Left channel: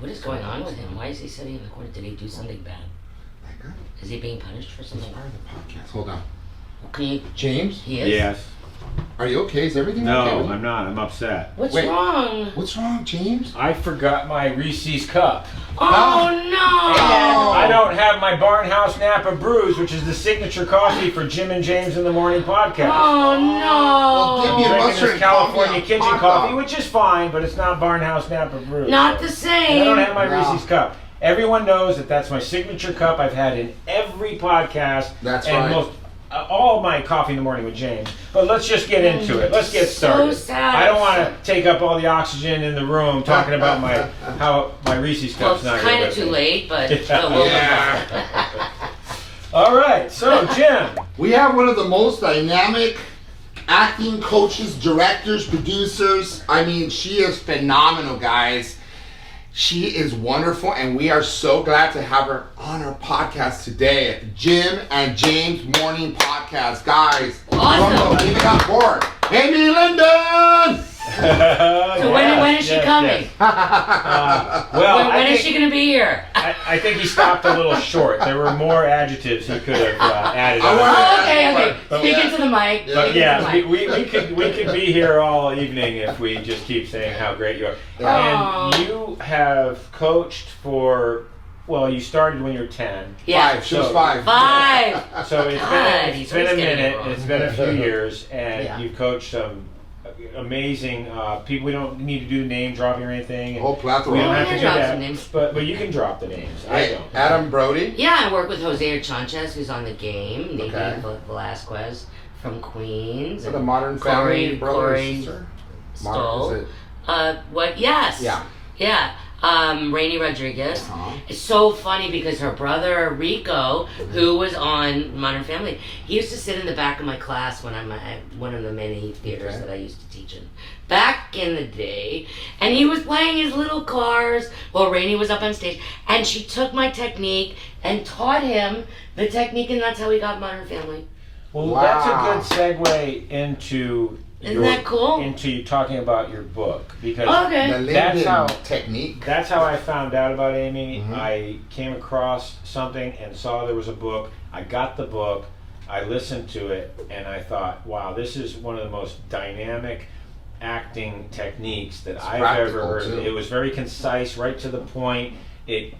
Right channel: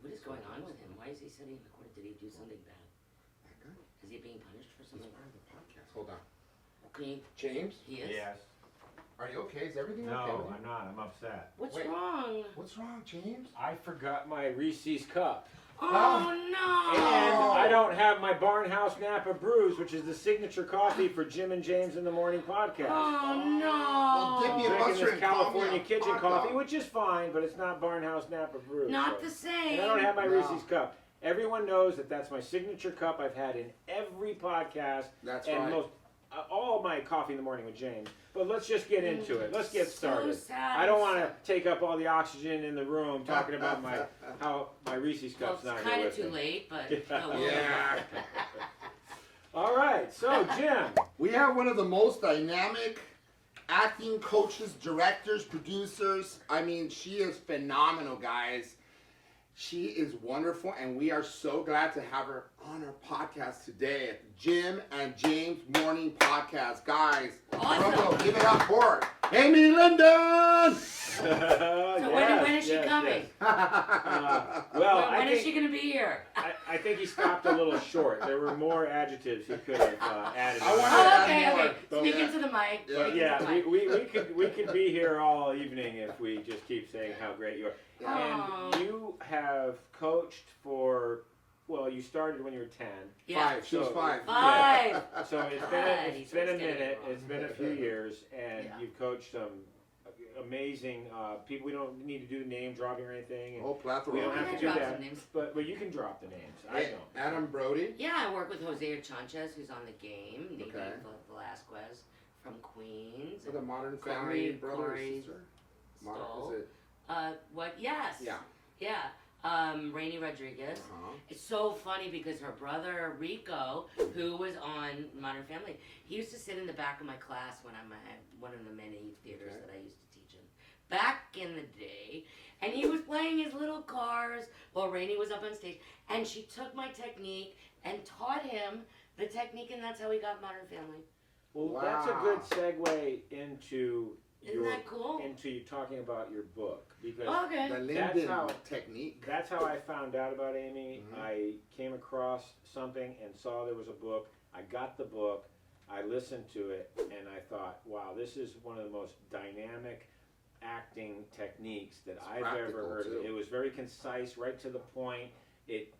What is going on with him? Why is he sitting in the corner? Did he do something bad? That guy? Is he being punished for He's something? part of the podcast. Hold on. Can you? James? He is? Yes. Are you okay? Is everything No, okay? with you? I'm not. I'm upset. What's Wait. wrong? What's wrong, James? I forgot my Reese's cup. Oh, And no! I don't have my Barnhouse Napa Brews, which is the signature coffee for Jim and James in the Morning podcast. Oh, Well, give me no! a Drinking mustard this and California coffee, kitchen hot coffee, dog. which is fine, but it's not Barnhouse Napa Brews. Not so. the And same. I don't have my No. Reese's cup. Everyone knows that that's my signature cup. I've had in every podcast. That's and right. All my coffee in the morning with James. But let's just get into it. Let's get started. So sad. I don't want to take up all the oxygen in the room talking about how my Reese's Well, cup's it's not kind here of with too me. late, but Yeah. we'll Yeah. All right, so Jim. We have one of the most dynamic acting coaches, directors, producers. I mean, she is phenomenal, guys. She is wonderful, and we are so glad to have her on our podcast today at the Jim and James Morning Podcast. Guys, Awesome. welcome. Give it up for her. Amy Lyndon! So when is she coming? Well, When is she going to be here? I think he stopped a little short. There were more adjectives he could have added I on. want- Oh, okay. But- Speak into the mic. Yeah. But Speak into yeah, the mic. we could be here all evening if we just keep saying how great you are. Aw. And you have coached for, well, you started when you were 10. Yeah. 5. She was So- 5. 5. So it's God, been he's it's been a always getting minute. it wrong. It's been a few years, and Yeah. you've coached some amazing people. We don't need to do name dropping or anything. And Whole plethora. we don't Oh, have yeah, to do drop that. some names. But you can drop the names. I Hey, don't. Adam Brody. Yeah, I work with Jose Chanchez, who's on the game. Nikki Okay. Velasquez from Queens. For the and Modern Corey- Family brother or Corey sister? Stoll. Is it? What? Yes. Yeah. Yeah. Rainey Rodriguez. Uh-huh. It's so funny because her brother Rico, who was on Modern Family, he used to sit in the back of my class when I'm at one of the many theaters Okay. that I used to teach in. Back in the day, and he was playing his little cars while Rainey was up on stage, and she took my technique and taught him the technique, and that's how he got Modern Family. Well, Wow. that's a good segue into Isn't that cool? into you talking about your book, because Okay. The That's Lyndon how- Technique. that's how I found out about Amy. Mhm. I came across something and saw there was a book. I got the book, I listened to it, and I thought, wow, this is one of the most dynamic acting techniques that It's I've ever practical, heard of. too. It was very concise, right to the point. It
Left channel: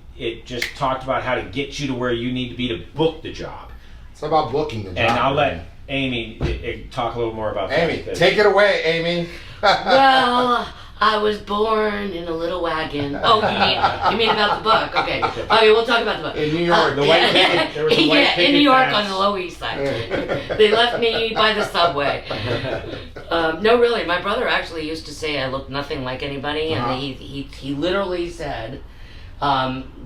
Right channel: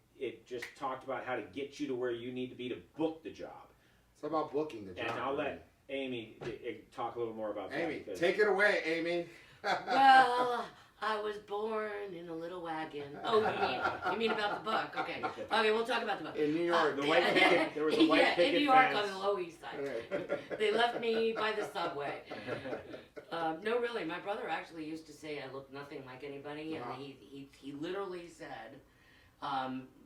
just talked about how to get you to where you need to be to book the job. It's about booking the job. And I'll let Amy talk a little more about that. Amy, because- take it away, Amy. Well, I was born in a little wagon. Oh, you mean about the book? Okay. Okay, we'll talk about the book. In New York, the white picket- there was a white yeah, in picket New York fence. on the Lower East Side. They left me by the subway. No, really, my brother actually used to say I looked nothing like anybody, and Uh-huh. he literally said,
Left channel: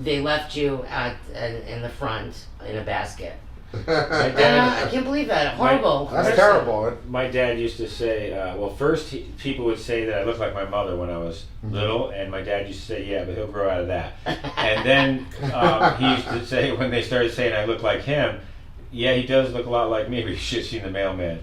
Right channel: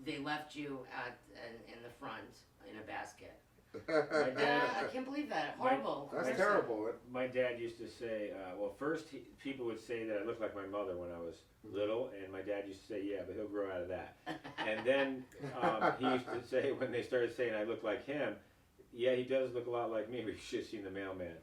they left you in the front in a basket. My And dad, I can't believe that. Horrible. That's terrible. my dad used to say, well, first people would say that I looked like my mother when I was Mhm. little, and my dad used to say, yeah, but he'll grow out of that. And then he used to say, when they started saying I look like him, yeah, he does look a lot like me, but you should have seen the mailman.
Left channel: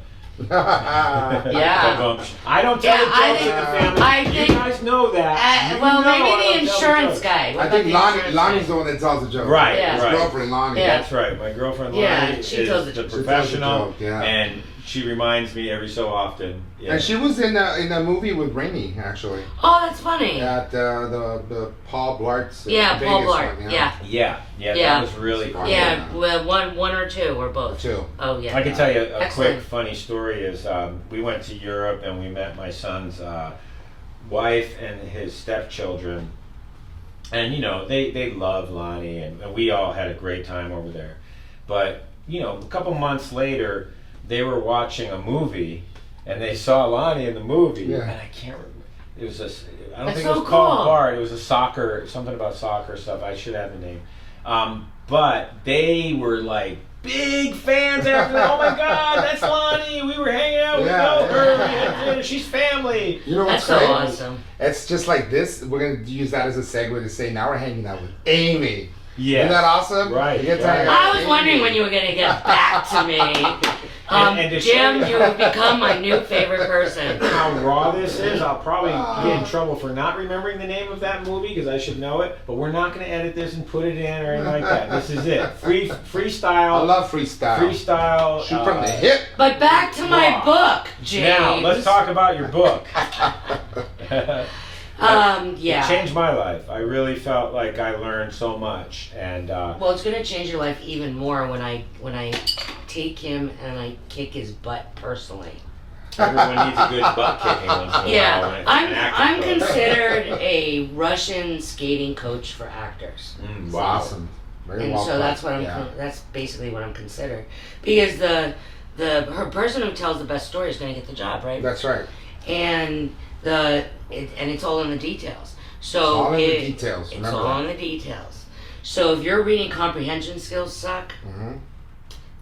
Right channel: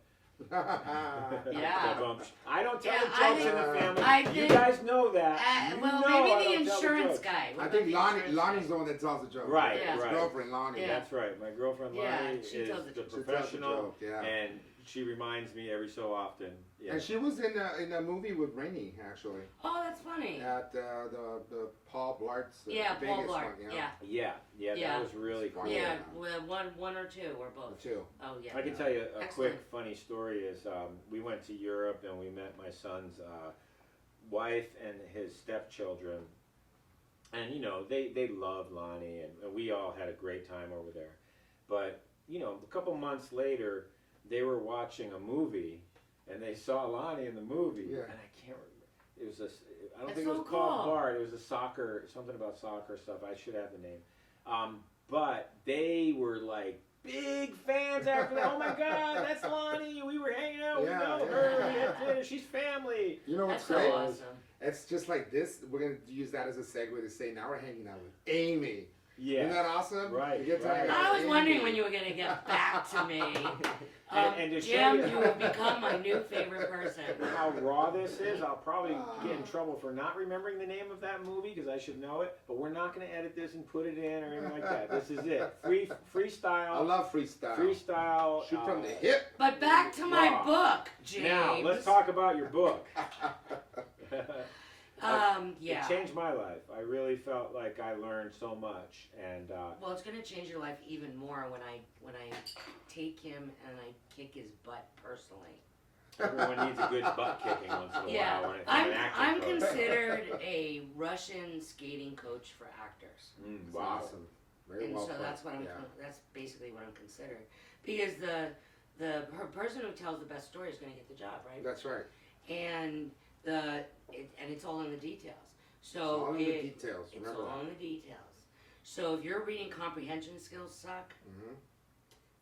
Yeah. Ba-bum. I don't tell Yeah, the jokes in the family. I You think- guys know that. You Well, know I maybe don't the tell insurance jokes. guy. What I about think the Lonnie, insurance Lonnie's guy? the one that tells the joke. Right, Yeah. His right. girlfriend, Lonnie. Yeah. That's right. My girlfriend Yeah, Lonnie she tells is the- the She tells the professional, joke, yeah. and she reminds me every so often. Yeah. And she was in a movie with Rainey, actually. Oh, that's funny. At the Paul Blart's Yeah, Vegas Paul Blart. one, Yeah. Yeah, Yeah. that was really cool. Yeah, well, one or two or both. Too. Oh, yeah. I can tell you a Excellent. quick funny story is we went to Europe and we met my son's wife and his stepchildren, and you know they love Lonnie, and we all had a great time over there. But you know, a couple months later, they were watching a movie and they saw Lonnie in the movie, Yeah. and I can't remember. It was I don't That's think so it was called cool. Bart. It was something about soccer stuff. I should have the name. But they were like big fans after that. Oh my God, that's Lonnie. We were hanging out. We Yeah, know yeah. her. We had dinner. She's family. You know That's what's so great? awesome. It's just like this. We're going to use that as a segue to say now we're hanging out with Amy. Yeah. Isn't that awesome? Right, You get to right. hang out I with was Amy. wondering when you were going to get back to me. And to show Jim, you- you have become my new favorite person. how raw this is, I'll probably get in trouble for not remembering the name of that movie because I should know it. But we're not going to edit this and put it in or anything like that. This is it. Freestyle. I love freestyle. Freestyle. Shoot from the hip. But back to my Raw. book, James. Now let's talk about your book. Yeah. It changed my life. I really felt like I learned so much, and Well, it's gonna change your life even more when I take him and I kick his butt personally. everyone needs a good butt kicking once in a while. Yeah, when it's an acting I'm coach. considered a Russian skating coach for actors. Mm, Wow. Awesome. Very And well so put. that's what Yeah. that's basically what I'm considered, because her person who tells the best story is going to get the job, right? That's right. And it's all in the details. So It's all in the details. It's Remember all that. in the details. So if your reading comprehension skills suck, Mhm.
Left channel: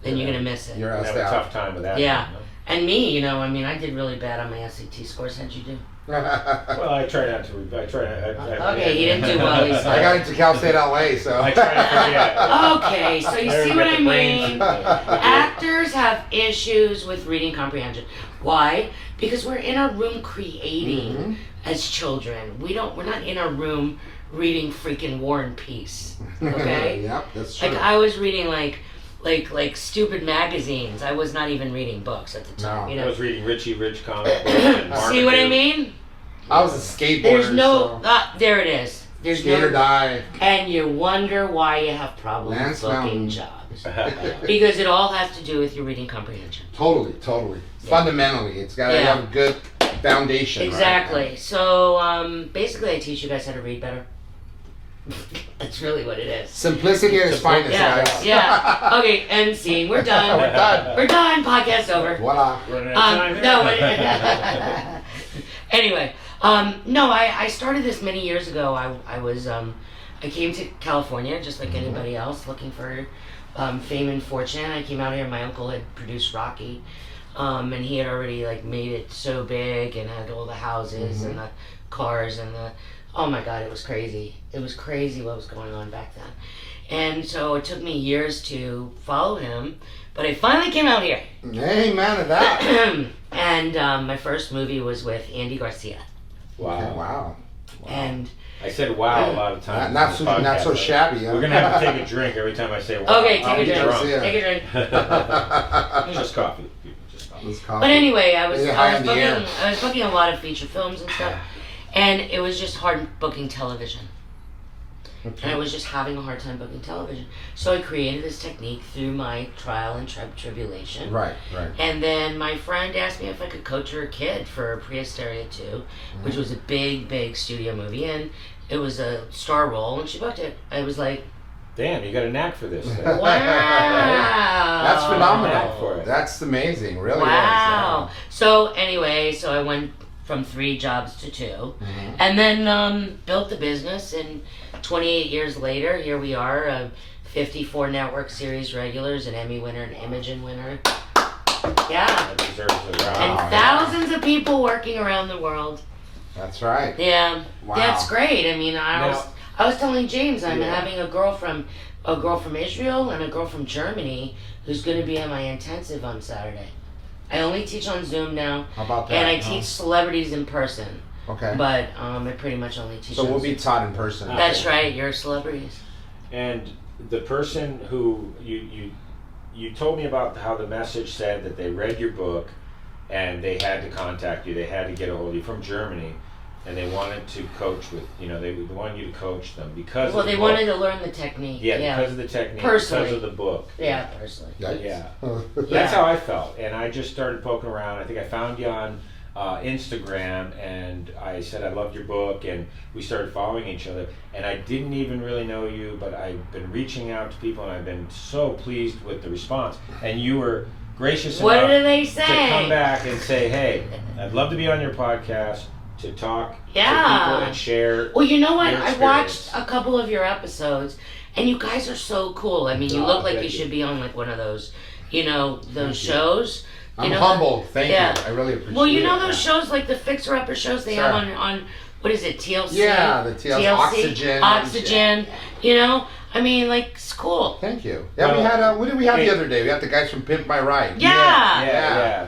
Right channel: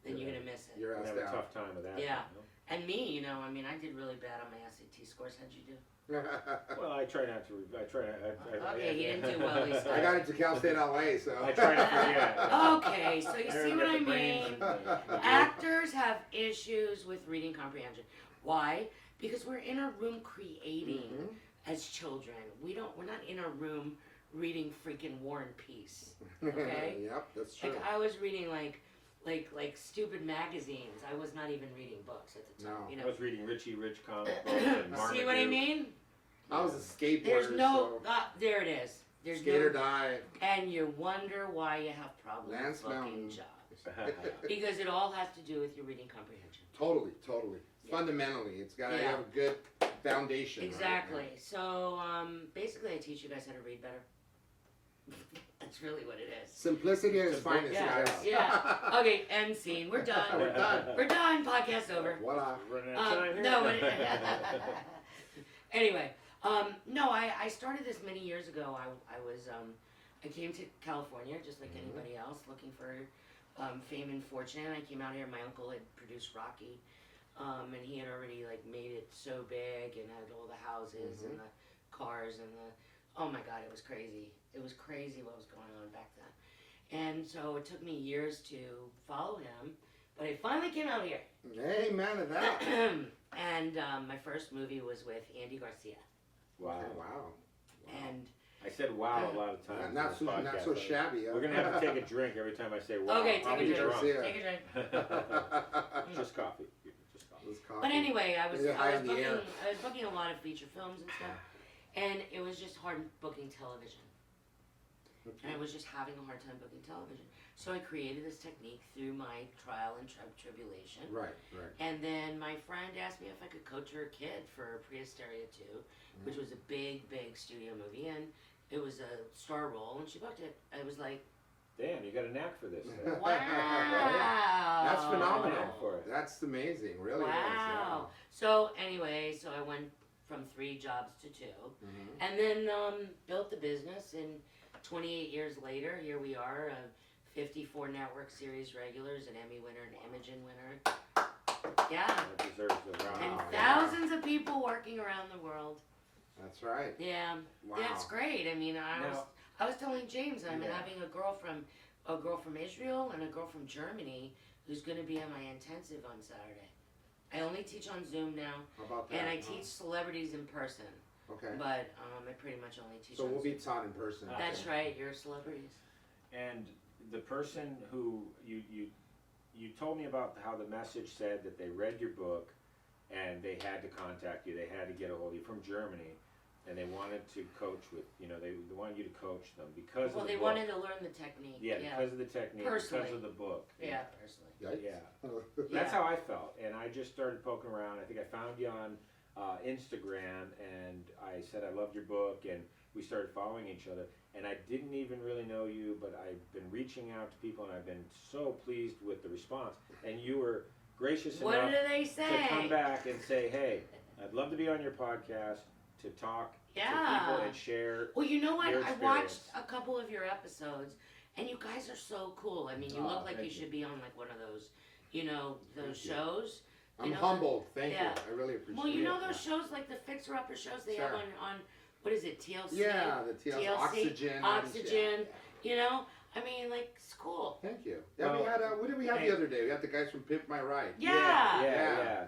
then you're gonna miss it. You're I out have a there. tough time with that. Yeah. you know? And me, I mean, I did really bad on my SAT scores. How'd you do? Well, I try not to. I try. Okay, he didn't do well, he I said. got into Cal State LA, so. I try to forget. Okay, so you I see forget what the I brains mean? and- Actors have issues with reading comprehension. Why? Because we're in a room creating Mhm. as children. We're not in a room reading freaking War and Peace. Okay? Yep, that's true. Like I was reading like stupid magazines. I was not even reading books at the time. No. You I know. was reading Richie Rich comic books and See what I Marmaduke. mean? I was a skateboarder. There's no. so There it is. There's skate or no. die. And you wonder why you have problems Lance booking Mountain. jobs. Because it all has to do with your reading comprehension. Totally. Yeah. Fundamentally, it's got to Yeah. have a good foundation. right? Exactly. So basically, I teach you guys how to read better. That's really what it is. Simplicity at its finest, Yeah. guys. Yeah. Okay. End scene. We're done. We're done. We're done. Podcast over. Voila. Running out of time here. No. Anyway, no. I started this many years ago. I came to California just like anybody else, looking for fame and fortune. I came out here. My uncle had produced Rocky, and he had already like made it so big and had all the houses and the cars and the. Oh my God, it was crazy. It was crazy what was going on back then. And so it took me years to follow him, but I finally came out here. Amen to that. And my first movie was with Andy Garcia. Wow. Okay, wow. And I said wow a lot of times. Not in so this not so podcast. shabby. Huh? We're gonna have to take a drink every time I say wow. okay, I'll take be a drink. drunk. Yeah. Take a drink. Just coffee. people, Just coffee. This coffee. But anyway, I was Is it high on the booking air? I was booking a lot of feature films and stuff, and it was just hard booking television. And I was just having a hard time booking television. So I created this technique through my trial and tribulation. Right. And then my friend asked me if I could coach her kid for Prehysteria 2, which was a big studio movie, and it was a star role, and she booked it. I was like, Damn, you got a knack for this. wow. That's phenomenal. Knack for it. That's amazing. Really Wow. So anyway, so I went from 3 jobs to 2, and then built the business, and 28 years later, here we are, 54 network series regulars, an Emmy winner, an Imagen winner. Yeah. That deserves a round. And Wow. thousands of people working around the world. That's right. Yeah. Wow. That's great. I mean, Now- I was telling James I'm Yeah. having a girl from Israel and a girl from Germany who's going to be in my intensive on Saturday. I only teach on Zoom now, How about that? and I huh? teach celebrities in person, Okay. but I pretty much only teach So on we'll Zoom. be taught in person. That's right, you're celebrities. And the person who you told me about how the message said that they read your book and they had to contact you, they had to get a hold of you from Germany, and they wanted to coach with, they wanted you to coach them because Well, of the they book. wanted to learn the technique. Yeah, because of the technique, Personally. because of the book. Yeah, personally. Yikes. Yeah. Yeah. That's how I felt, and I just started poking around. I think I found you on Instagram, and I said I loved your book, and we started following each other. And I didn't even really know you, but I've been reaching out to people, and I've been so pleased with the response. And you were gracious What enough do they to say? come back and say, "Hey, I'd love to be on your podcast to talk to Yeah. people and share." Well, you know what? Your I watched experience. a couple of your episodes, and you guys are so cool. I mean, you Oh, look like thank you you. should be on like one of those, those Thank you. shows. I'm know, humbled. Thank yeah. you. I really appreciate it. Well, you know those shows like the Fixer Upper shows they have Sure. on what is it, TLC? Yeah, the TLC. Oxygen. Oxygen. You know, I mean, like, it's cool. Thank you. Yeah, we had. What did we have the other day? We had the guys from Pimp My Ride. Yeah.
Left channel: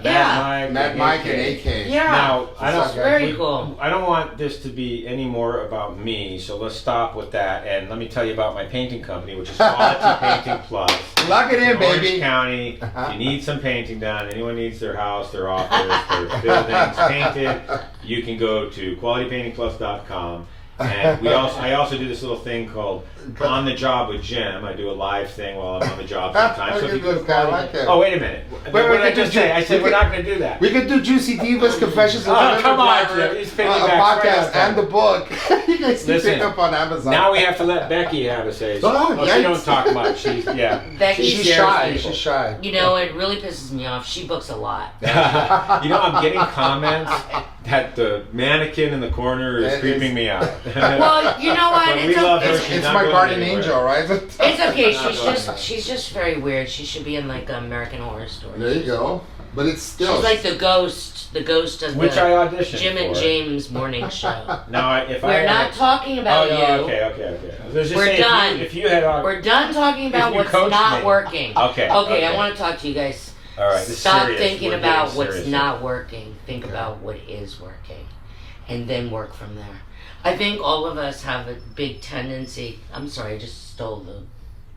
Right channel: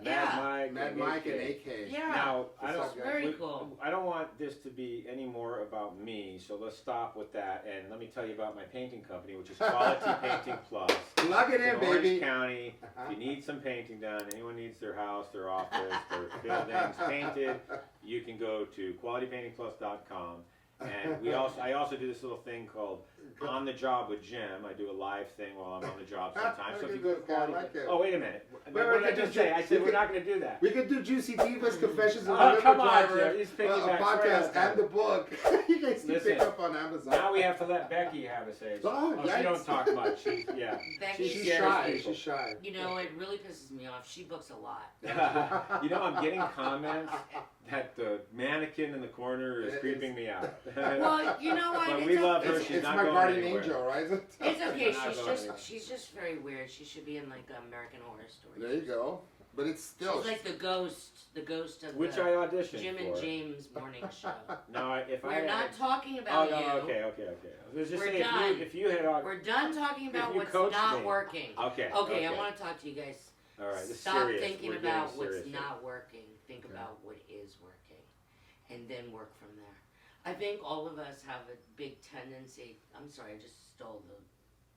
Matt Mike and AK. Yeah. Now, It's very cool. I don't want this to be any more about me, so let's stop with that. And let me tell you about my painting company, which is Quality Painting Plus. Plug it in, Orange baby. County. If you need some painting done, anyone needs their house, their office, their buildings painted, you can go to qualitypaintingplus.com. And I also do this little thing called On the Job with Jim. I do a live thing while I'm on the job sometimes. So if you go to oh, wait a minute. What did I just say? I said we're not going to do that. We could do Juicy Divas, Confessions of Oh, come on, Driver, Jim. He's picking a back podcast and the book. You guys can Listen, pick up on Amazon. Now we have to let Becky have a say. Oh, she don't talk much. She's Becky's shy. people. She's shy. You know, it really pisses me off. She books a lot. You know, I'm getting comments that the mannequin in the corner is creeping me out. Well, you know what? But we love her. She's It's not my going guardian anywhere. angel, right? It's okay. Not going anywhere. She's just very weird. She should be in like American Horror Story. There you go. But it's still. She's like the ghost. The ghost of Which the I auditioned Jim for. and James morning show. No, if We're not talking about oh, you. no, okay. I was just We're saying, done. If you had We're done talking If about you what's coached not me. working. Okay. I want to talk to you guys. All right. This is Stop serious. thinking We're about getting what's serious not working. Think about what is working, and then work from there. I think all of us have a big tendency. I'm sorry, I just stole the.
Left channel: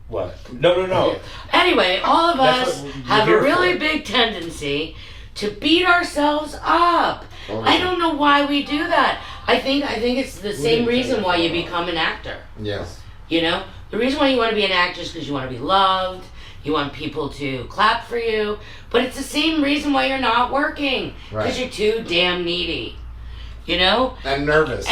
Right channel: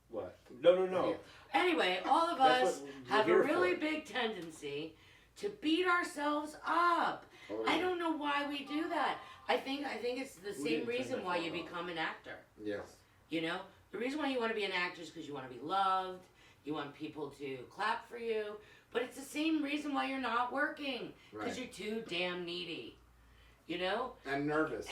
What? No. Anyway, all of That's us what you're have a here really for. big tendency to beat ourselves up. I don't know why we do that. I think it's the same reason why you become an actor. Yes. You know, the reason why you want to be an actor is because you want to be loved. You want people to clap for you. But it's the same reason why you're not working. Because you're too damn needy. You know? And nervous.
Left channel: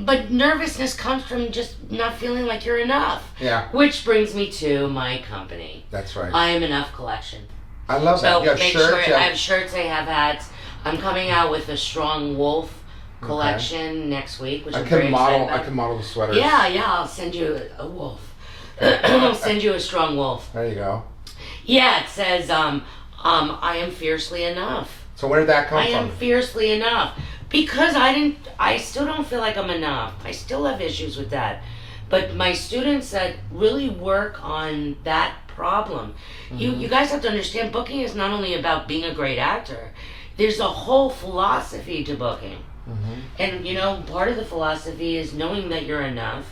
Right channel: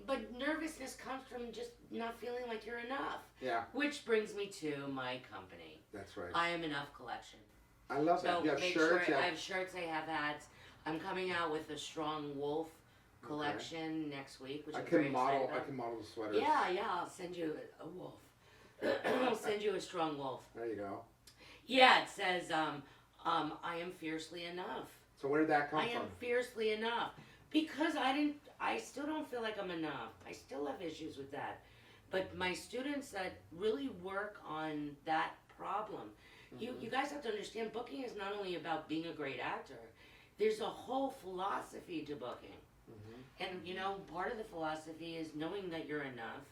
But nervousness comes from just not feeling like you're enough. Yeah. Which brings me to my company. That's right. I Am Enough Collection. I love that. So You have make shirts. sure I have shirts, I have hats. I'm coming out with a Strong Wolf collection next week, which I I'm very can excited model. about. I can model the sweaters. Yeah, I'll send you a wolf. I'll send you a strong wolf. There you go. Yeah, it says, I am fiercely enough. So where did that come I from? am fiercely enough. Because I still don't feel like I'm enough. I still have issues with that. But my students said, really work on that problem. You guys have to understand, booking is not only about being a great actor. There's a whole philosophy to booking. And you know, part of the philosophy is knowing that you're enough,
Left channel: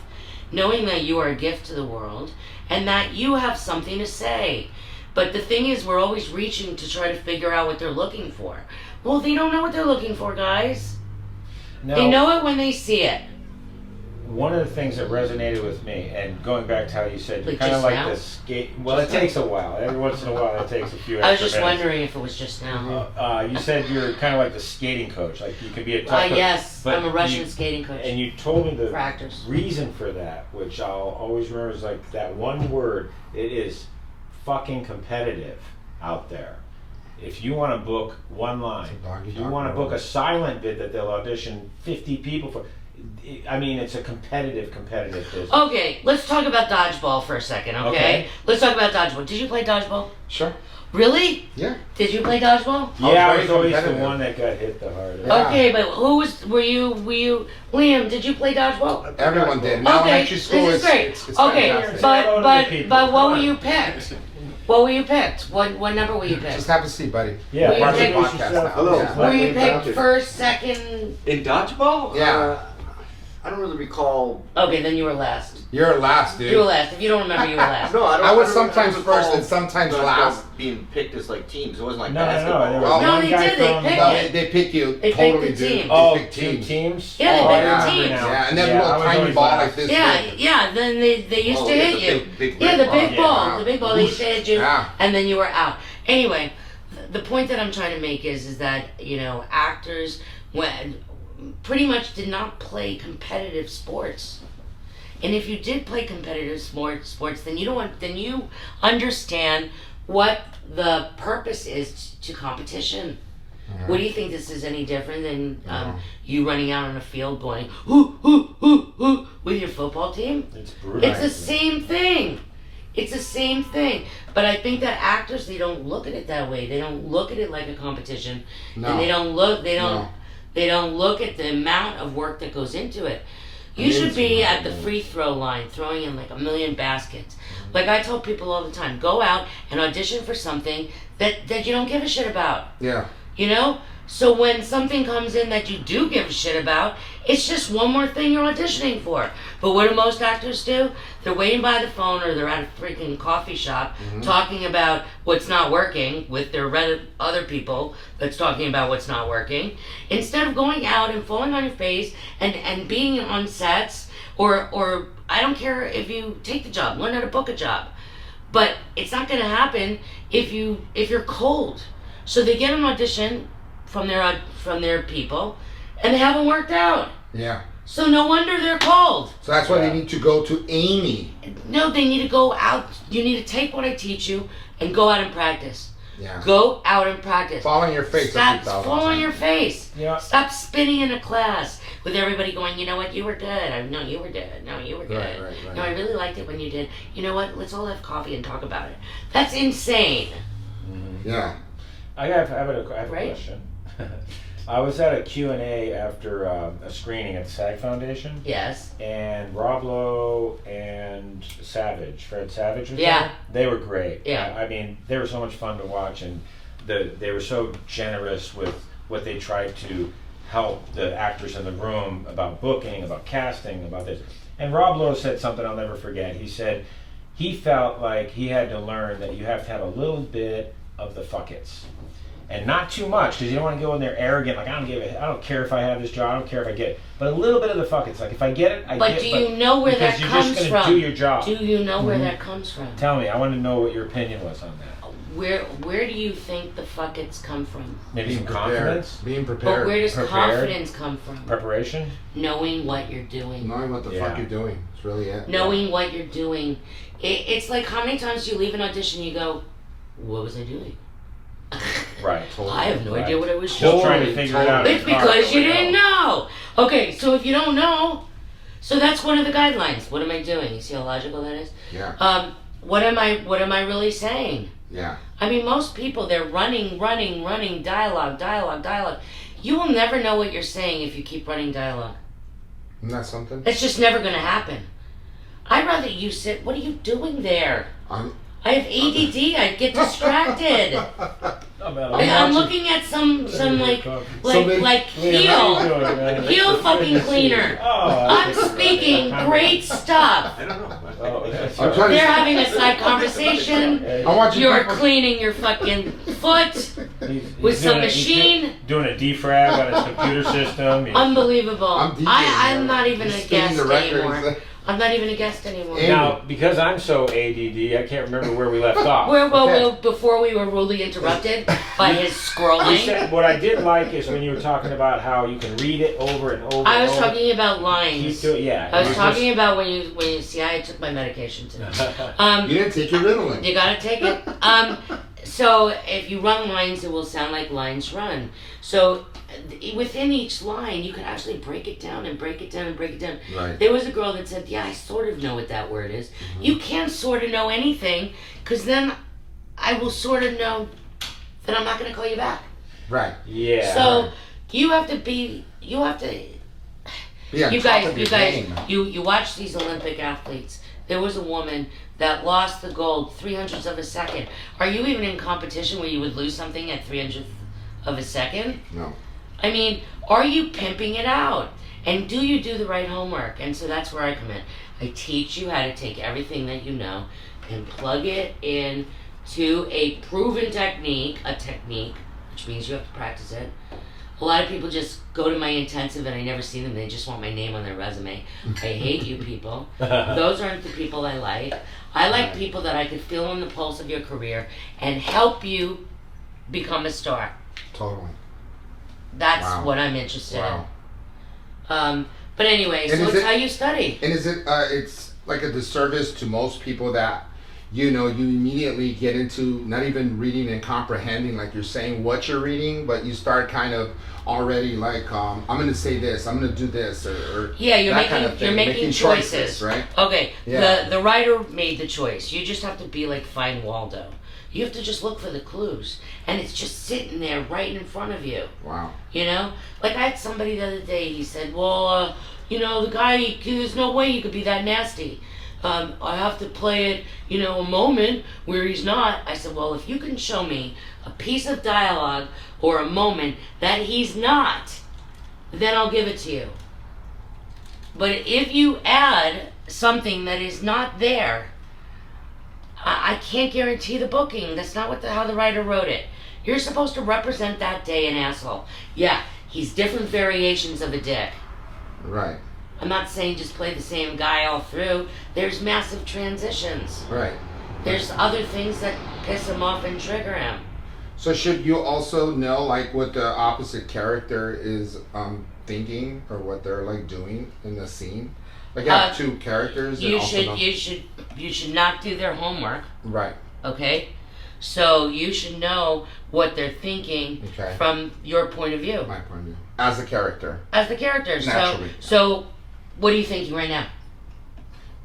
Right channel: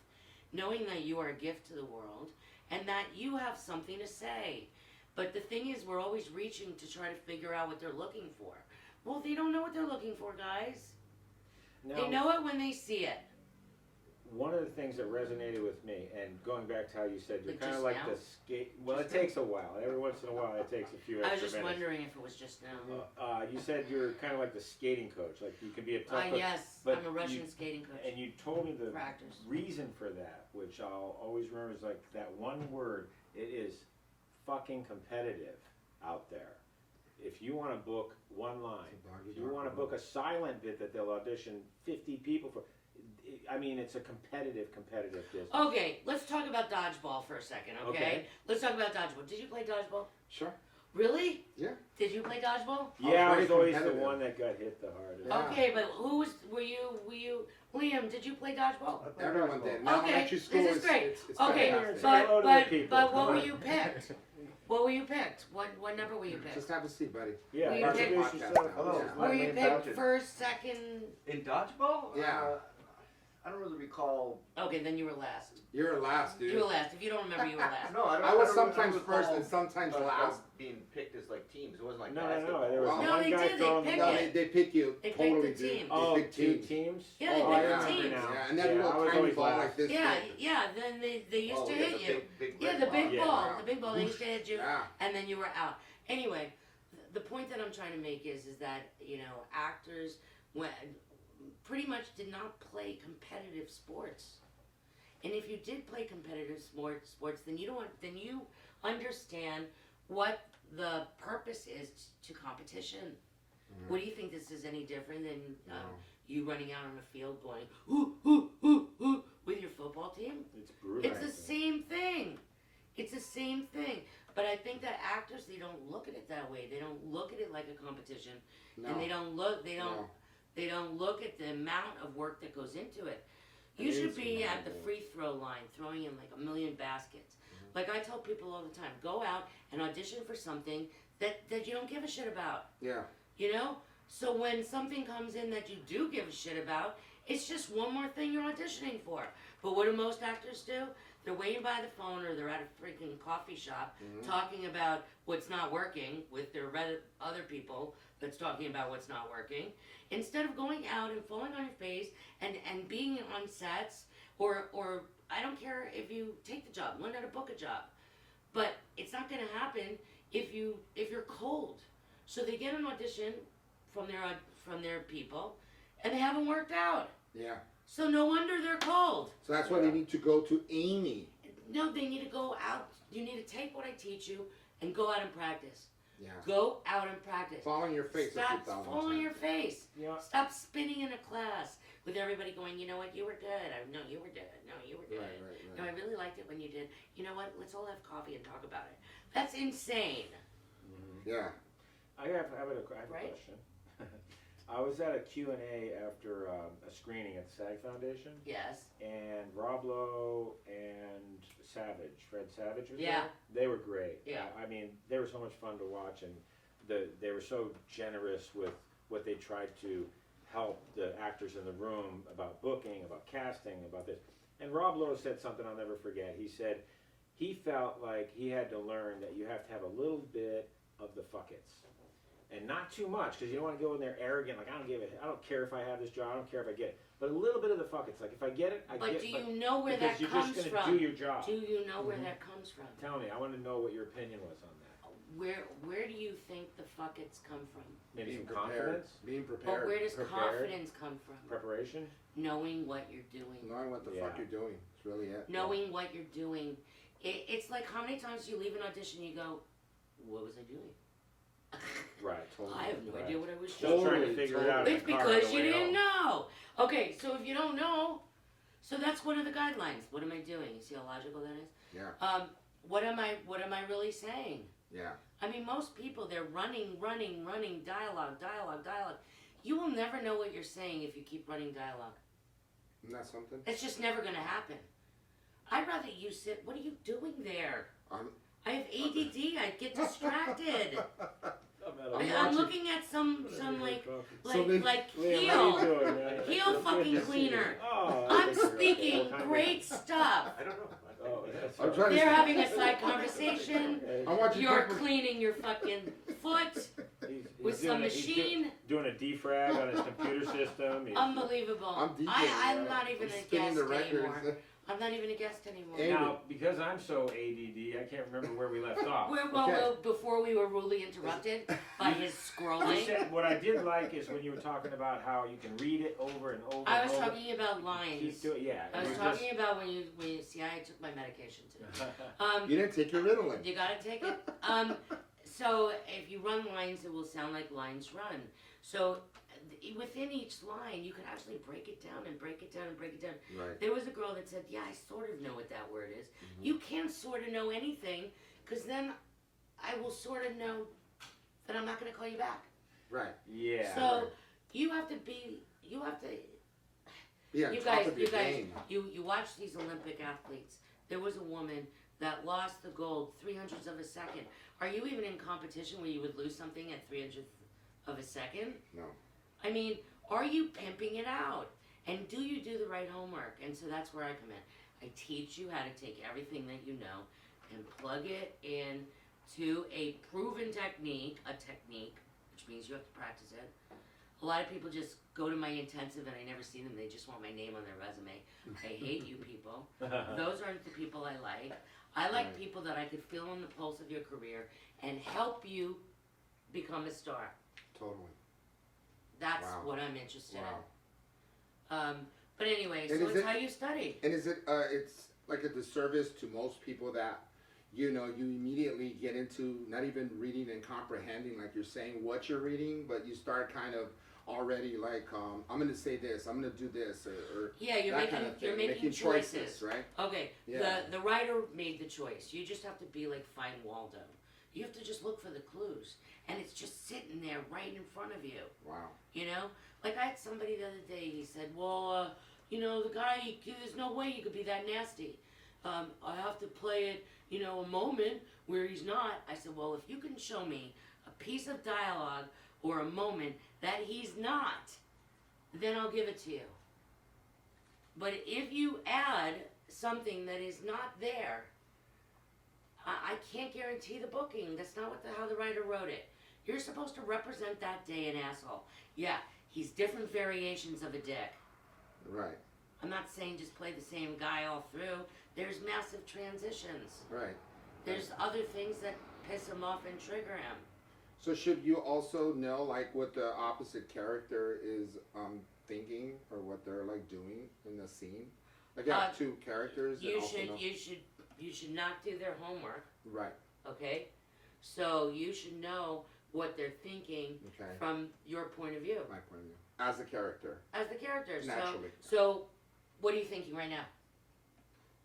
knowing that you are a gift to the world, and that you have something to say. But the thing is, we're always reaching to try to figure out what they're looking for. Well, they don't know what they're looking for, guys. Now, They know it when they see it. one of the things that resonated with me, and going back to how you said, you're Like kind of just like now? the skate. Well, Just it takes a while. Every once in a while, it takes a few extra I was just minutes. wondering if it was just now. You said you're kind of like the skating coach. Like you could be a tough coach. Yes, but I'm a Russian you- skating coach And you told me the for actors. reason for that, which I'll always remember, is like that one word. It is fucking competitive out there. If you want to book one line, if you want to book a silent bid that they'll audition 50 people for, I mean, it's a competitive business. Okay, let's talk about dodgeball for a second, okay? Let's talk about dodgeball. Did you play dodgeball? Sure. Really? Yeah. Did you play dodgeball? Yeah, I very was always the competitive. one that got hit the hardest. Yeah. Okay, but were you, Liam, did you play dodgeball? Everyone did. Now Okay, elementary school this is great. It's Okay, fantastic. Say hello to the people. but what Come were on. you picked? What were you picked? What number were you Just picked? have a seat, buddy. Yeah, Were you Part of the picked- podcast now. Hello. Yeah. Were you Thank picked first, second? In dodgeball? Yeah. I don't really recall. Okay, then you were last. You're last, dude. You were last. If you don't remember, you were last. No, I don't. I was don't- sometimes don't first recall and sometimes dodgeball last. Being picked as like teams. It wasn't like No, no, no, basketball. there was Well, No, one they guy did, they from- picked No, it. they pick you. They picked Totally, the dude. team. Oh, They pick two teams. teams? Yeah, they oh, picked I the remember teams. now. Yeah, and then Yeah, I little was tiny always ball last. like this. Yeah, big. yeah. Then they used Oh, to yeah, hit the you. big Yeah, the red big ball. ball. The big ball. They used to hit you, Yeah. and then you were out. Anyway, the point that I'm trying to make is that actors pretty much did not play competitive sports. And if you did play competitive sports, then you understand what the purpose is to competition. What do you think this is any different than you running out on a field going hoo hoo hoo hoo with your football team? It's brutal. It's the same thing. It's the same thing. But I think that actors, they don't look at it that way. They don't look at it like a competition. No. And they don't look No. they don't look at the amount of work that goes into it. You should be Amazing. at the free throw line throwing in like a million baskets. Like I tell people all the time, go out and audition for something that you don't give a shit about. Yeah. You know? So when something comes in that you do give a shit about, it's just one more thing you're auditioning for. But what do most actors do? They're waiting by the phone or they're at a freaking coffee shop talking about what's not working with their other people that's talking about what's not working. Instead of going out and falling on your face and being on sets or I don't care if you take the job, learn how to book a job. But it's not gonna happen if you're cold. So they get an audition from their people, and they haven't worked out. Yeah. So no wonder they're cold. So that's why they need to go to Amy. No, they need to go out. You need to take what I teach you and go out and practice. Yeah. Go out and practice. Fall on your face. Stop fall on your face. Yeah. Stop spinning in a class with everybody going, you know what, you were good. No, you were good. No, you were good. Right. No, I really liked it when you did. You know what? Let's all have coffee and talk about it. That's insane. Yeah. I have a Right? question. I was at a Q&A after a screening at the SAG Foundation, Yes. and Rob Lowe and Fred Savage was Yeah. there. They were great. Yeah. I mean, they were so much fun to watch, and they were so generous with what they tried to help the actors in the room about booking, about casting, about this. And Rob Lowe said something I'll never forget. He said he felt like he had to learn that you have to have a little bit of the fuck-its. And not too much, because you don't want to go in there arrogant, like I don't care if I have this job, I don't care if I get it. But a little bit of the fuck-its, like if I get it, I But get do it. you know where that Because comes you're just going from? to do your job. Do you know where that comes from? Tell me, I want to know what your opinion was on that. Where do you think the fuckets come from? Maybe Being some prepared. confidence, Being But prepared. where does Prepared. confidence come from? preparation. Knowing what you're doing. Knowing what the Yeah. fuck you're doing. It's really it. Knowing what you're doing. It's like how many times do you leave an audition and you go, what was I doing? Right. I have no idea what I was Still doing. trying to figure it out. It's in the car because on the you way didn't home. know. Okay, so if you don't know, so that's one of the guidelines. What am I doing? You see how logical that is? Yeah. What am I really saying? Yeah. I mean, most people, they're running, dialogue. You will never know what you're saying if you keep running dialogue. Isn't that something? It's just never going to happen. I'd rather you sit, what are you doing there? I have ADD, I get distracted. I'm looking at some like heel fucking cleaner. I'm speaking great stuff. I don't know. I'm trying They're to. having a side conversation. I want you You're people- cleaning your fucking foot with some machine. Doing a defrag on his computer system. Unbelievable. I'm DJing, I'm man. not even He's a spinning guest the records. anymore. I'm not even a guest anymore. And- Now, because I'm so ADD, I can't remember where we left off. Before we were rudely interrupted by his You scrolling, said, what I did like is when you were talking about how you can read it over and over. I was and over. talking about Keep lines. doing, yeah. I was you talking about when you see I took my medication today. You didn't take your Ritalin. You gotta take it. So if you run lines, it will sound like lines run. So within each line, you could actually break it down and break it down and break it down. Right. There was a girl that said, yeah, I sort of know what that word is. You can't sort of know anything, because then I will sort of know that I'm not going to call you back. Right. Yeah. So you have to, Be on you top of your game. you watch these Olympic athletes. There was a woman that lost the gold 300ths of a second. Are you even in competition where you would lose something at 300th of a second? No. I mean, are you pimping it out? And do you do the right homework? And so that's where I come in. I teach you how to take everything that you know and plug it in to a proven technique, which means you have to practice it. A lot of people just go to my intensive and I never see them. They just want my name on their resume. I hate you people. Those aren't the people I like. I like people that I could feel on the pulse of your career and help you become a star. Totally. That's Wow. what I'm interested Wow. in. But anyway, And so is it's it- how you study. And is it? It's like a disservice to most people that, you know, you immediately get into not even reading and comprehending, like you're saying what you're reading, but you start kind of already like, I'm going to say this, I'm going to do this, or Yeah, you're that making kind of thing, you're making choices. right? Okay, Yeah. the writer made the choice. You just have to be like Find Waldo. You have to just look for the clues, and it's just sitting there right in front of you. Wow. You know, like I had somebody the other day. He said, "Well, you know, the guy, there's no way he could be that nasty. I have to play it, you know, a moment where he's not. I said, well, if you can show me a piece of dialogue or a moment that he's not, then I'll give it to you. But if you add something that is not there, I can't guarantee the booking. That's not how the writer wrote it. You're supposed to represent that day an asshole. Yeah, he's different variations of a dick. Right. I'm not saying just play the same guy all through. There's massive transitions. Right. There's other things that piss him off and trigger him. So should you also know like what the opposite character is thinking or what they're like doing in the scene? Like you have two characters. You and also know... you should not do their homework. Right. Okay? So you should know what they're thinking from your point of view. My point of view. As a character. As the character. Naturally. So what are you thinking right now?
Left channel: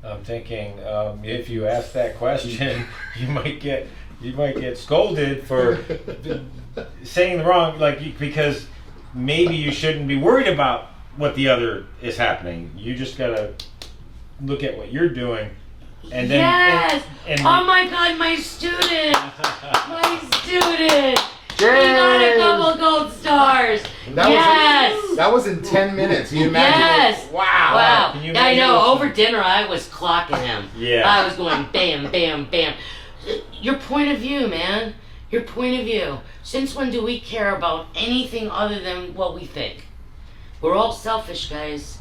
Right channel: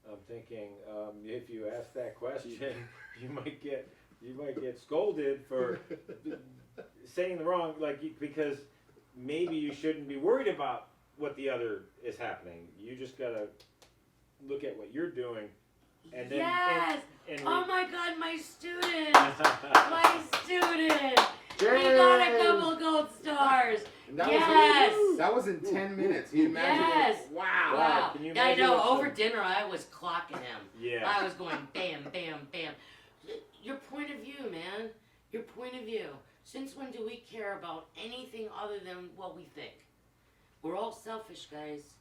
I'm thinking if you ask that question, you might get scolded for saying the wrong, because maybe you shouldn't be worried about what the other is happening. You just gotta look at what you're doing, and then yes. And oh my God, my student, my student. Yay! He got a couple gold stars. That was in 10 minutes. You imagine? Yes. Wow. Wow. Can you I know. imagine? Over dinner, I was clocking him. Yeah. I was going bam, bam, bam. Your point of view, man. Your point of view. Since when do we care about anything other than what we think? We're all selfish, guys.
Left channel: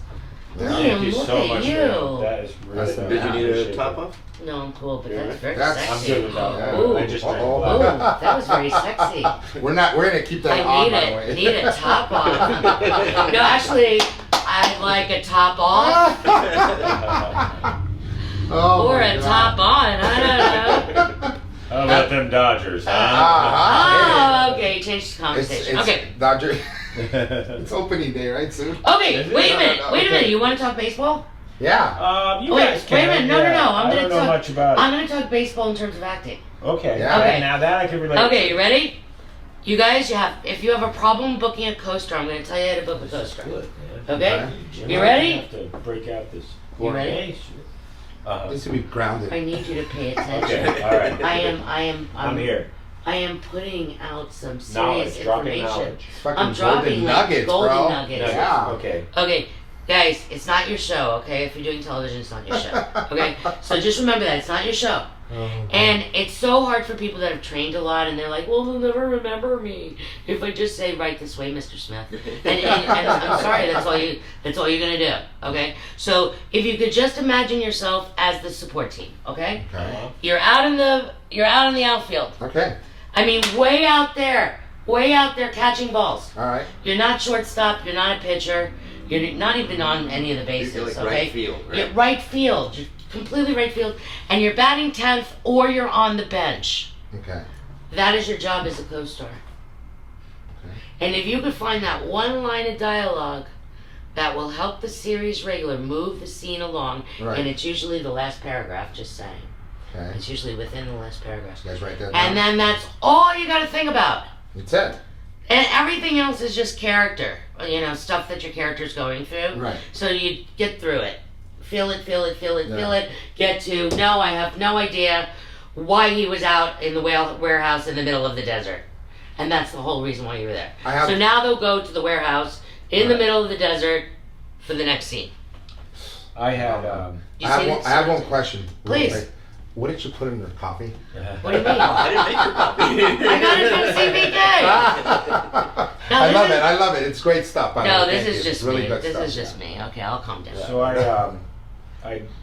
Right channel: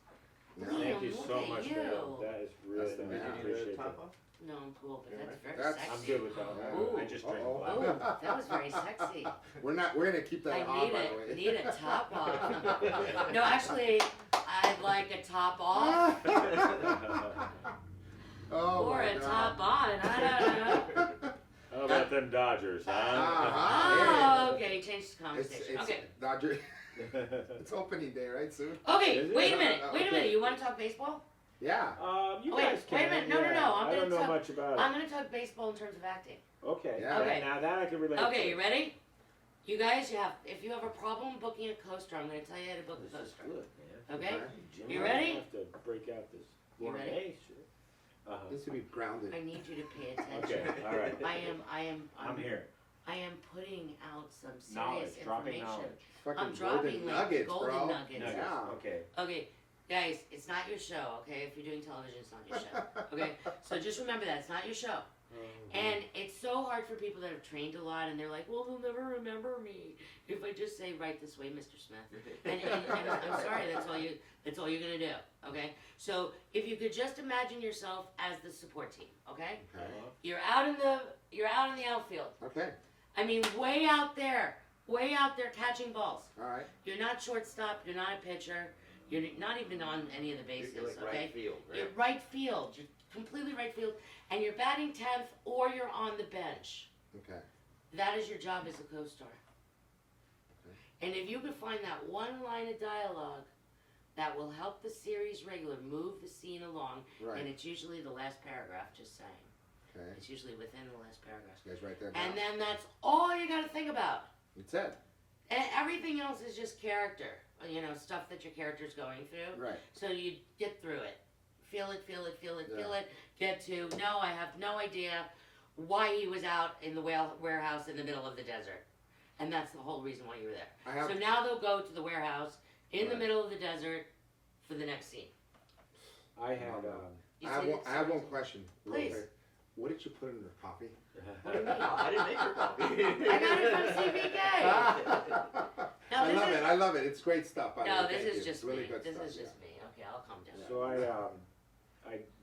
Yeah. Thank you look so at much, you. man. That is really That's the- Did you need a top off? No, I'm cool, but Yeah. that's very That's- I'm sexy. good with that. Yeah. Ooh. I just drank Uh-oh. Ooh, black. that was very sexy. We're gonna keep that I on, need by the way. it. Need a top off. No, actually, I'd like a top off Oh or my a God. top on. I don't know. How about them Dodgers, huh? Oh, okay. Change the conversation. It's Okay. Dodger. It's opening day, right, soon? Okay. Is it? Wait a minute. No, Wait a okay. minute. You want to talk baseball? Yeah. You Wait, guys wait a can. minute. No, yeah. no, no. I'm I gonna don't know talk. much about I'm gonna talk baseball in terms of acting. it. Okay. Yeah. Okay. Now that I can relate. Okay, to. you ready? You guys, if you have a problem booking a co-star, I'm gonna tell you how to book a co-star. Good. Okay? Jim, You I ready? have to break out this. You ready? Okay, sure. Needs to be grounded. I need you to pay attention. Okay. All right. I'm here. I am putting out some Knowledge. serious Dropping information. knowledge. Fucking I'm dropping golden like nuggets, golden bro. nuggets. Nuggets. Yeah. Okay. Okay, guys, it's not your show, okay? If you're doing television, it's not your show, okay? So just remember that, it's not your show. And it's so hard for people that have trained a lot, and they're like, well, they'll never remember me if I just say right this way, Mr. Smith. And I'm sorry, that's all you're gonna do, okay? So if you could just imagine yourself as the support team, okay? Okay. You're out in the outfield. Okay. I mean, way out there catching balls. All right. You're not shortstop. You're not a pitcher. You're not even on any of the bases. You're like okay, right field, right? You're right field. You're completely right field, and you're batting 10th, or you're on the bench. Okay. That is your job as a co-star. Okay. And if you could find that one line of dialogue that will help the series regular move the scene along, Right. and it's usually the last paragraph. Just saying, Okay. it's usually within the last paragraph. You guys write that And down? then that's all you got to think about. It's it. And everything else is just character, stuff that your character's going through. Right. So you get through it. Feel it, Yeah. get to, no, I have no idea why he was out in the warehouse in the middle of the desert. And that's the whole reason why you were there. I have- So now they'll go to the warehouse in the Right. middle of the desert for the next scene. I had. You I have see one, this? I have one question. real Please. quick. What did you put in your coffee? What do you mean? I didn't make your copy. I got it from CBK. No, I this love is- it. I love it. It's great stuff. by the No, way. this Thank is you. just It's really me. good This stuff. is just me. Okay, I'll calm down. So I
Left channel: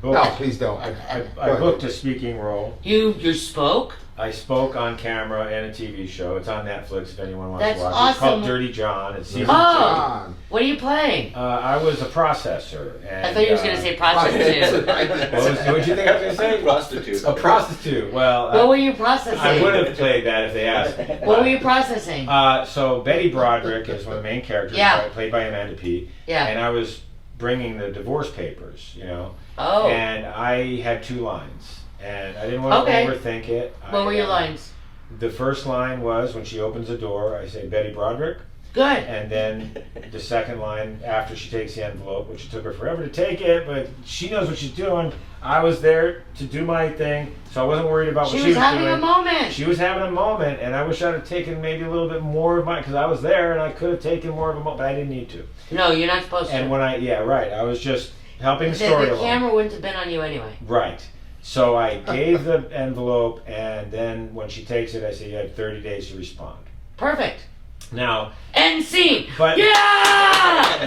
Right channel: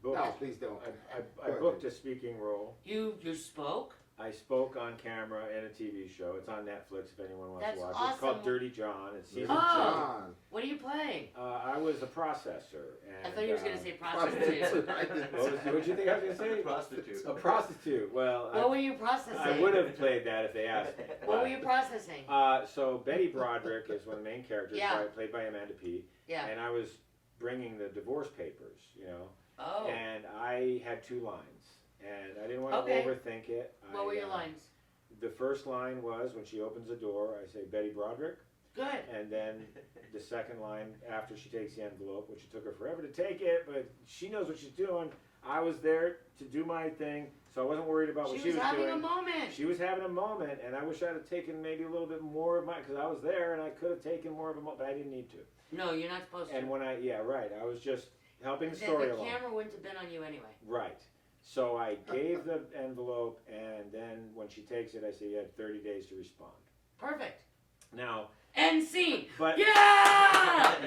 booked. No, please don't. I booked a speaking role. You spoke? I spoke on camera in a TV show. It's on Netflix if anyone wants That's to watch. It's called awesome. Dirty John. It's season Oh. two. What are you playing? I was a processor. And, I thought you was gonna say prostitute. What did you think I was gonna say? Prostitute. A prostitute. Well, What were you I processing? would have played that if they asked me. What were you processing? So Betty Broderick is one of the main characters, Yeah. played by Amanda Peet, Yeah. and I was bringing the divorce papers, Oh. and I had 2 lines, and I didn't want to Okay. overthink it. What were your lines? The first line was when she opens the door, I say, Betty Broderick. Good. And then the second line after she takes the envelope, which it took her forever to take it, but she knows what she's doing. I was there to do my thing, so I wasn't worried about what She she was was having doing. a moment. She was having a moment, and I wish I'd have taken maybe a little bit more of mine, because I was there and I could have taken more of a moment, but I didn't need to. No, you're not supposed to. And when I was just helping the story The along. camera wouldn't have been on you anyway. Right. So I gave the envelope, and then when she takes it, I say, you have 30 days to respond. Perfect. Now, End scene. But- Yeah!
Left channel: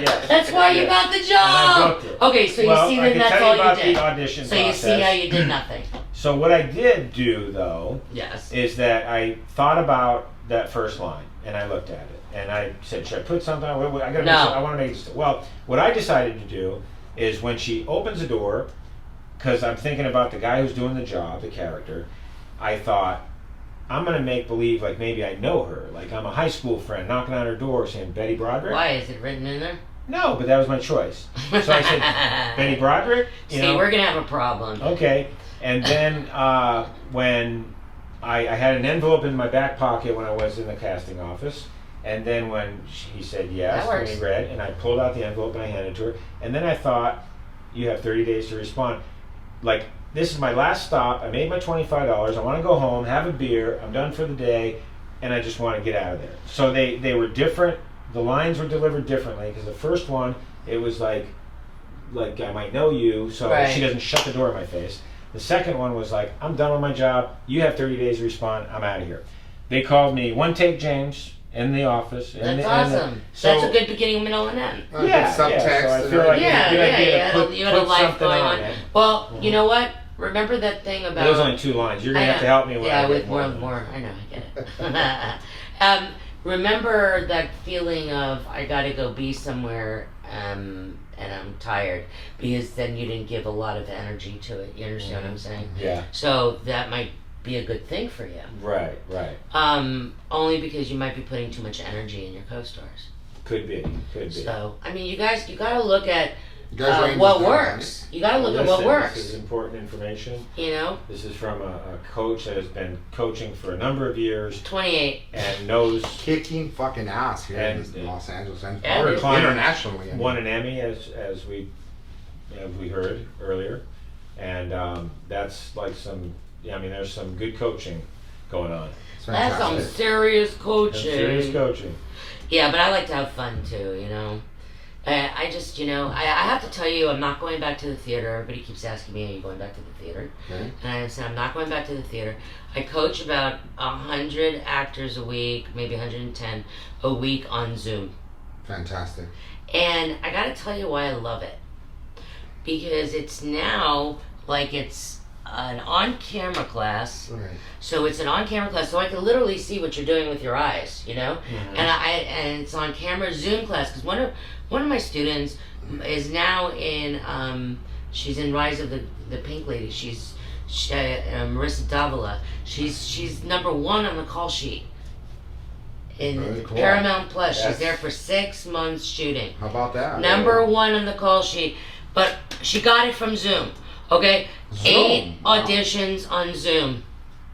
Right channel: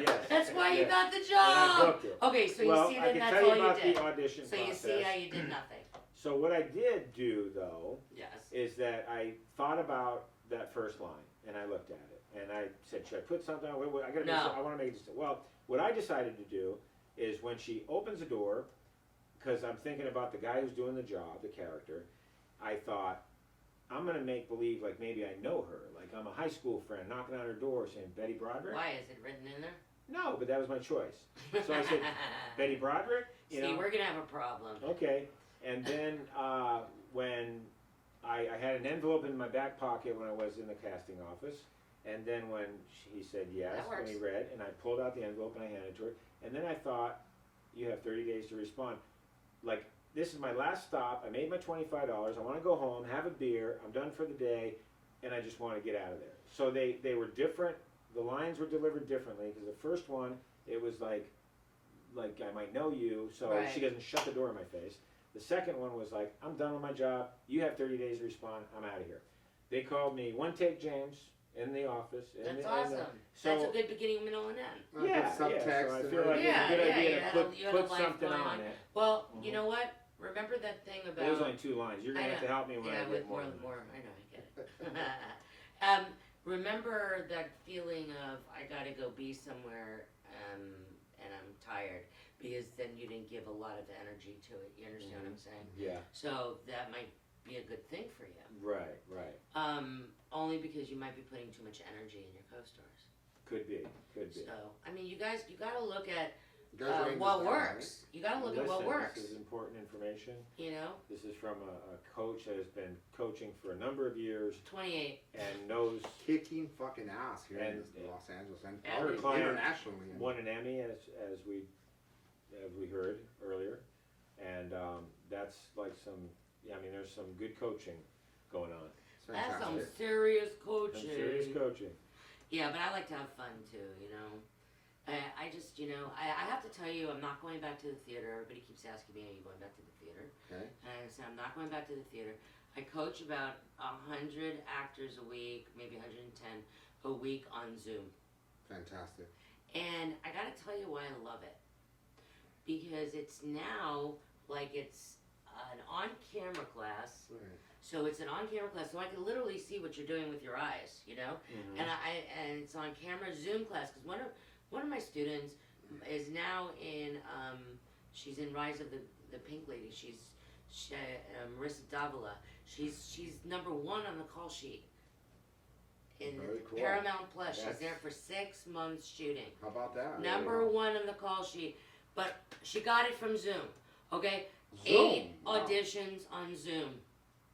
Yes. That's why you Yes. got the and I job. booked it. Okay, so Well, you see I that can that's tell all you about you did. the audition So you process. see how you did nothing. So what I did do, though, Yes. is that I thought about that first line, and I looked at it, and I said, should I put something on? I gotta No. I want to make this. Well, what I decided to do is when she opens the door, because I'm thinking about the guy who's doing the job, the character, I thought, I'm going to make believe like maybe I know her. Like I'm a high school friend knocking on her door saying, Betty Broderick? Why is it written in there? No, but that was my choice. So I said, Betty Broderick? See, we're gonna have a problem. Okay. And then when I had an envelope in my back pocket when I was in the casting office, and then when he said yes, That when works. he read, and I pulled out the envelope and I handed it to her, and then I thought, you have 30 days to respond. Like, this is my last stop. I made my $25. I want to go home, have a beer. I'm done for the day, and I just want to get out of there. So they were different. The lines were delivered differently because the first one, it was like I might know you, so Right. she doesn't shut the door in my face. The second one was like, I'm done with my job. You have 30 days to respond. I'm out of here. They called me One Take James in the office. That's awesome. That's a good beginning, middle, and end. Yeah, Good subtext. yeah. So I feel like Yeah, it's a good idea yeah, to put, you had a put life something going on on. it. Well, you know what? Remember that thing about. There was only 2 lines. You're gonna have to help me with Yeah, I with get more. I know, I get it. Remember that feeling of I gotta go be somewhere, and I'm tired because then you didn't give a lot of energy to it. You understand what I'm saying? Yeah. So that might be a good thing for you. Right. Right. Only because you might be putting too much energy in your co-stars. Could be. Could be. So I mean, you gotta look at You guys writing what this down, works. You gotta look at what Listen, works. This is important information. You know, This is from a coach that has been coaching for a number of years 28. and knows right? Kicking fucking ass here And- in Los Angeles and and or it's- internationally. I mean. won an Emmy as we heard earlier, and that's like some. I mean, there's some good coaching going on. It's That's some fantastic. serious Some coaching. serious coaching. Yeah, but I like to have fun too, you know. I just, you know, I have to tell you, I'm not going back to the theater. Everybody keeps asking me, are you going back to the theater? Okay. And I said, I'm not going back to the theater. I coach about 100 actors a week, maybe 110 a week on Zoom. Fantastic. And I gotta tell you why I love it. Because it's now like it's an on-camera class. Right. So it's an on-camera class, so I can literally see what you're doing with your eyes, you know. And it's on camera Zoom class because one of my students is now in she's in Rise of the Pink Lady. She's Marissa Davila. She's number 1 on the call sheet in Very cool. Paramount Plus. Yes. She's there for 6 months shooting. How about that? Number 1 on the call sheet, but she got it from Zoom. Okay, Zoom? 8 Wow. auditions on Zoom.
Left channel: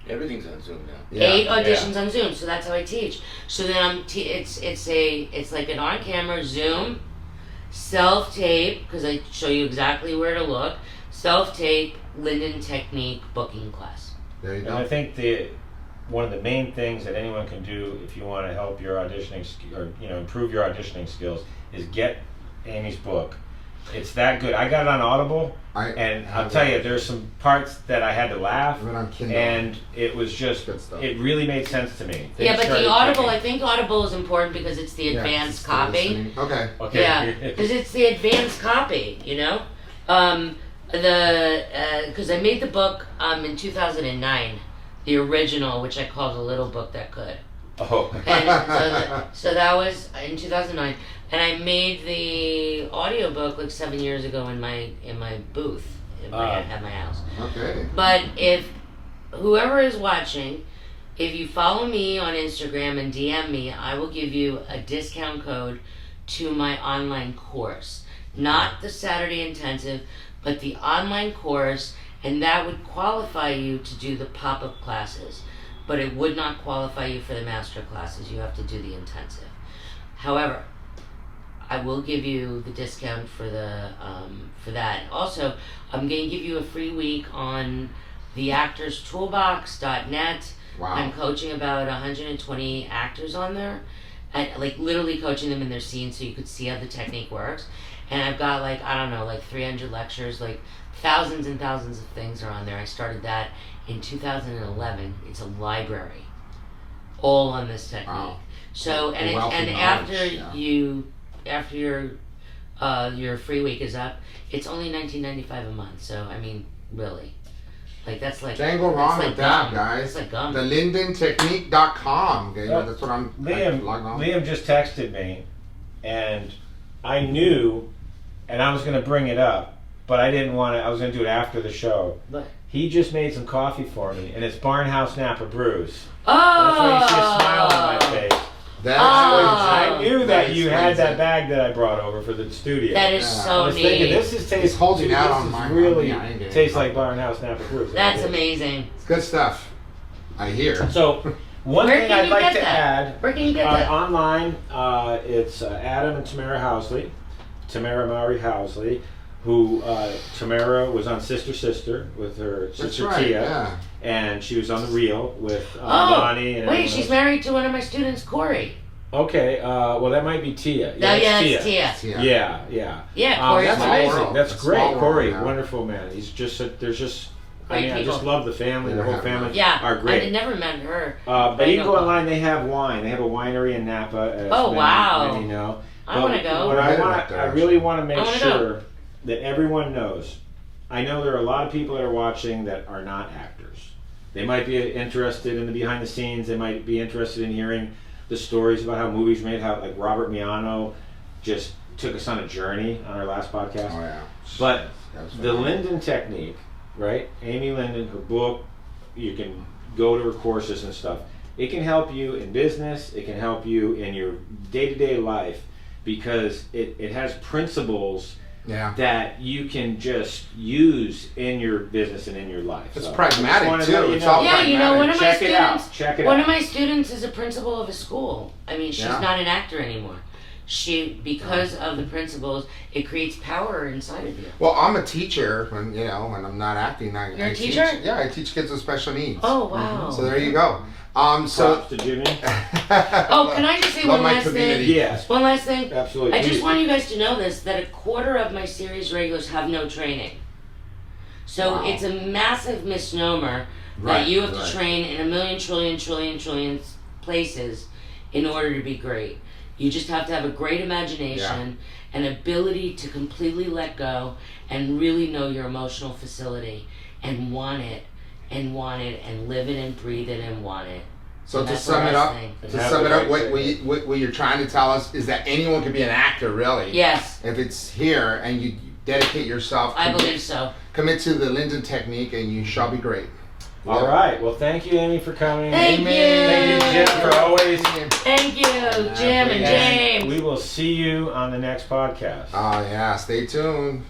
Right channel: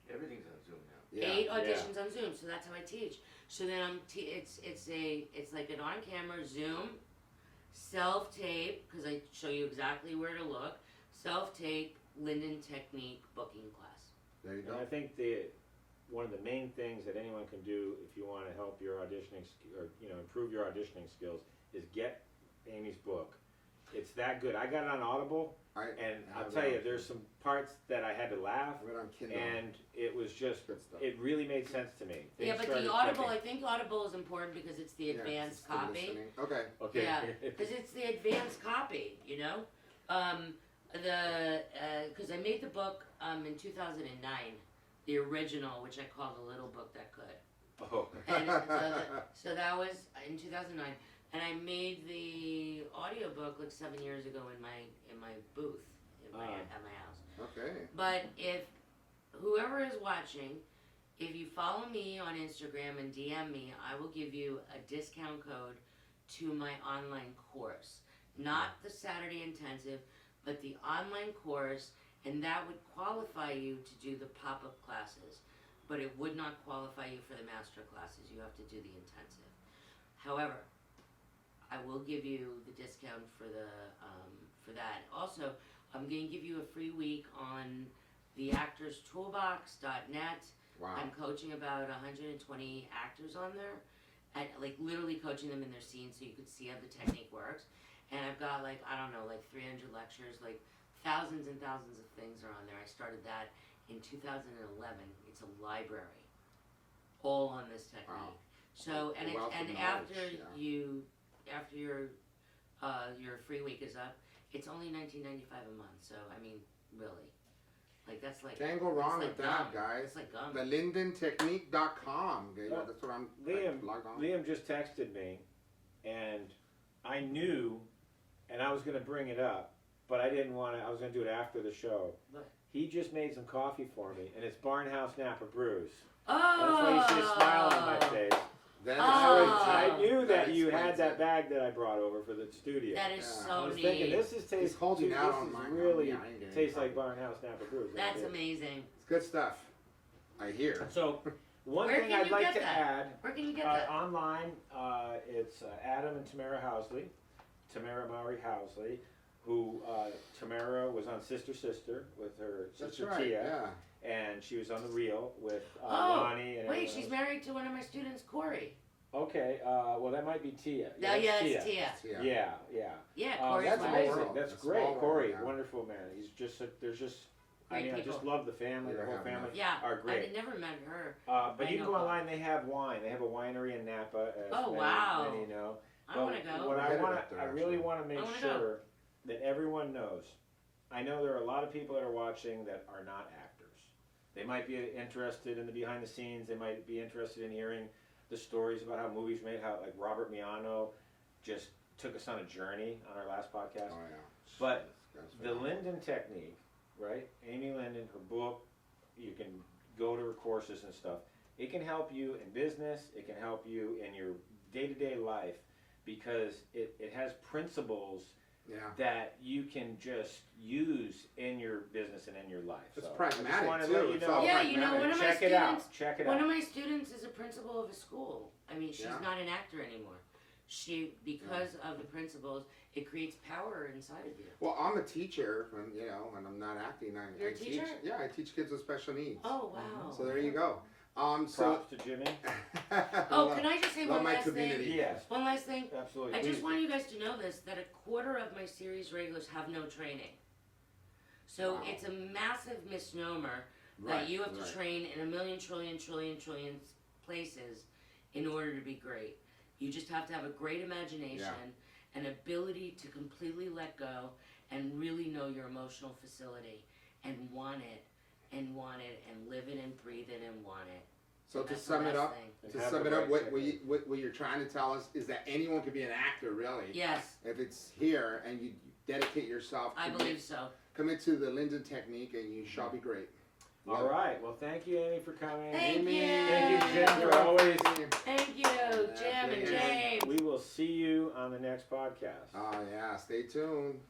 Everything's on Zoom now. Yeah. 8 auditions on Zoom, so that's how I teach. So then it's like an on-camera Zoom, self-tape because I show you exactly where to look. Self-tape, Lyndon Technique booking class. There you And I go. think one of the main things that anyone can do if you want to help your auditioning or improve your auditioning skills is get Amy's book. It's that good. I got it on Audible, and I'll tell you, there's some parts that I had to laugh, Even on Kindle. and it was just, Good stuff. it really made sense to me. Yeah, Things but the started Audible, clicking. I think Audible is important because it's the Yeah, advanced it's copy. listening. Okay. Okay. Yeah, because it's the advanced copy, you know. Because I made the book in 2009, the original, which I called The Little Book That Could. Oh. And so that was in 2009, and I made the audiobook like 7 years ago in my booth at my house. Okay. But if whoever is watching, if you follow me on Instagram and DM me, I will give you a discount code to my online course. Not the Saturday intensive, but the online course, and that would qualify you to do the pop-up classes. But it would not qualify you for the master classes. You have to do the intensive. However, I will give you the discount for for that. Also, I'm going to give you a free week on theactorstoolbox.net. Wow. I'm coaching about 120 actors on there, and like literally coaching them in their scenes so you could see how the technique works. And I've got like, I don't know, like 300 lectures, like thousands and thousands of things are on there. I started that in 2011. It's a library, all on this technique. Wow. So and A wealth of knowledge, after yeah. your free week is up, it's only $19.95 a month. So I mean, really, like that's like Can't go wrong that's with like that, gum. guys. It's like gum. The LyndonTechnique.com. Okay, that's what I'm logging on. Liam just texted me, and I knew, and I was going to bring it up, but I didn't want to. I was going to do it after the show. But He just made some coffee for me, and it's Barnhouse Napa Brews. oh, That's why you see a smile on my face. That's I knew that That is you had that crazy. bag that I brought over for the studio. that is Yeah. I so was neat. thinking, this is tastes He's holding out on this my- is really on me. I ain't getting tastes it. like Barnhouse Napa Brews. That's It is. amazing. It's good stuff. I hear. So, one Where thing can I'd you like get to that? add. Where can you get that? Online, it's Adam and Tamara Housley, Tamara Maury Housley, who Tamara was on Sister Sister with her That's sister right. Tia, Yeah. and she was on The Real with Oh, Lonnie. And wait, everyone she's else. married to one of my students, Corey. Okay, well that might be Tia. Yeah, yeah, it's it's Tia. Yeah. Yeah. Yeah, Corey's that's Small great. amazing. world. That's A great, small world, Corey. yeah. Wonderful man. He's just there's just. I Great mean, I just people. love the family. The Yeah. whole family Yeah, are I great. had never met her. But I you can know. go online. They have wine. They have a winery in Napa. As Oh, many, wow. Many know. I want to What go. We're I headed want, up there, I really want to I make wanna go. sure that everyone knows. I know there are a lot of people that are watching that are not actors. They might be interested in the behind the scenes. They might be interested in hearing the stories about how movies made. How like Robert Miano just took us on a journey on our last podcast. Oh yeah. But That's the phenomenal. Lyndon Technique, right? Amy Lyndon, her book, you can go to her courses and stuff. It can help you in business, it can help you in your day-to-day life because it has principles Yeah. that you can just use in your business and in your life. It's So, pragmatic, I just wanted to too. let you It's know. all Yeah, you know, one of my Check it out. students. Check it One out. of my students is a principal of a school. I mean, she's Yeah. not an actor anymore. Because of the principles, it creates power inside of you. Well, I'm a teacher when when I'm not acting. You're a I teacher? Teach, yeah, I teach kids with special needs. Oh wow. So there you go. So. Props to Jimmy. Oh, can I just say Love one my last community. thing? Yes, One last thing. absolutely. I just Please. want you guys to know this, that a quarter of my series regulars have no training. So Wow. it's a massive misnomer Right, that you have right. to train in a million trillion places in order to be great. You just have to have a great imagination, an ability to completely let go and really know your emotional facility and want it and live it and breathe it and want it. So And to that's sum the it last up, thing. And to have sum the it up, right what you're trying to tell us is that anyone can be an actor, really. Yes, If it's here and you dedicate yourself, I believe so. commit to the Lyndon Technique, and you shall be great. All right. Well, thank you, Amy, for coming. Thank you. Thank you, Jim, for always. Thank you, Jim and And James. we will see you on the next podcast. Oh yeah, stay tuned.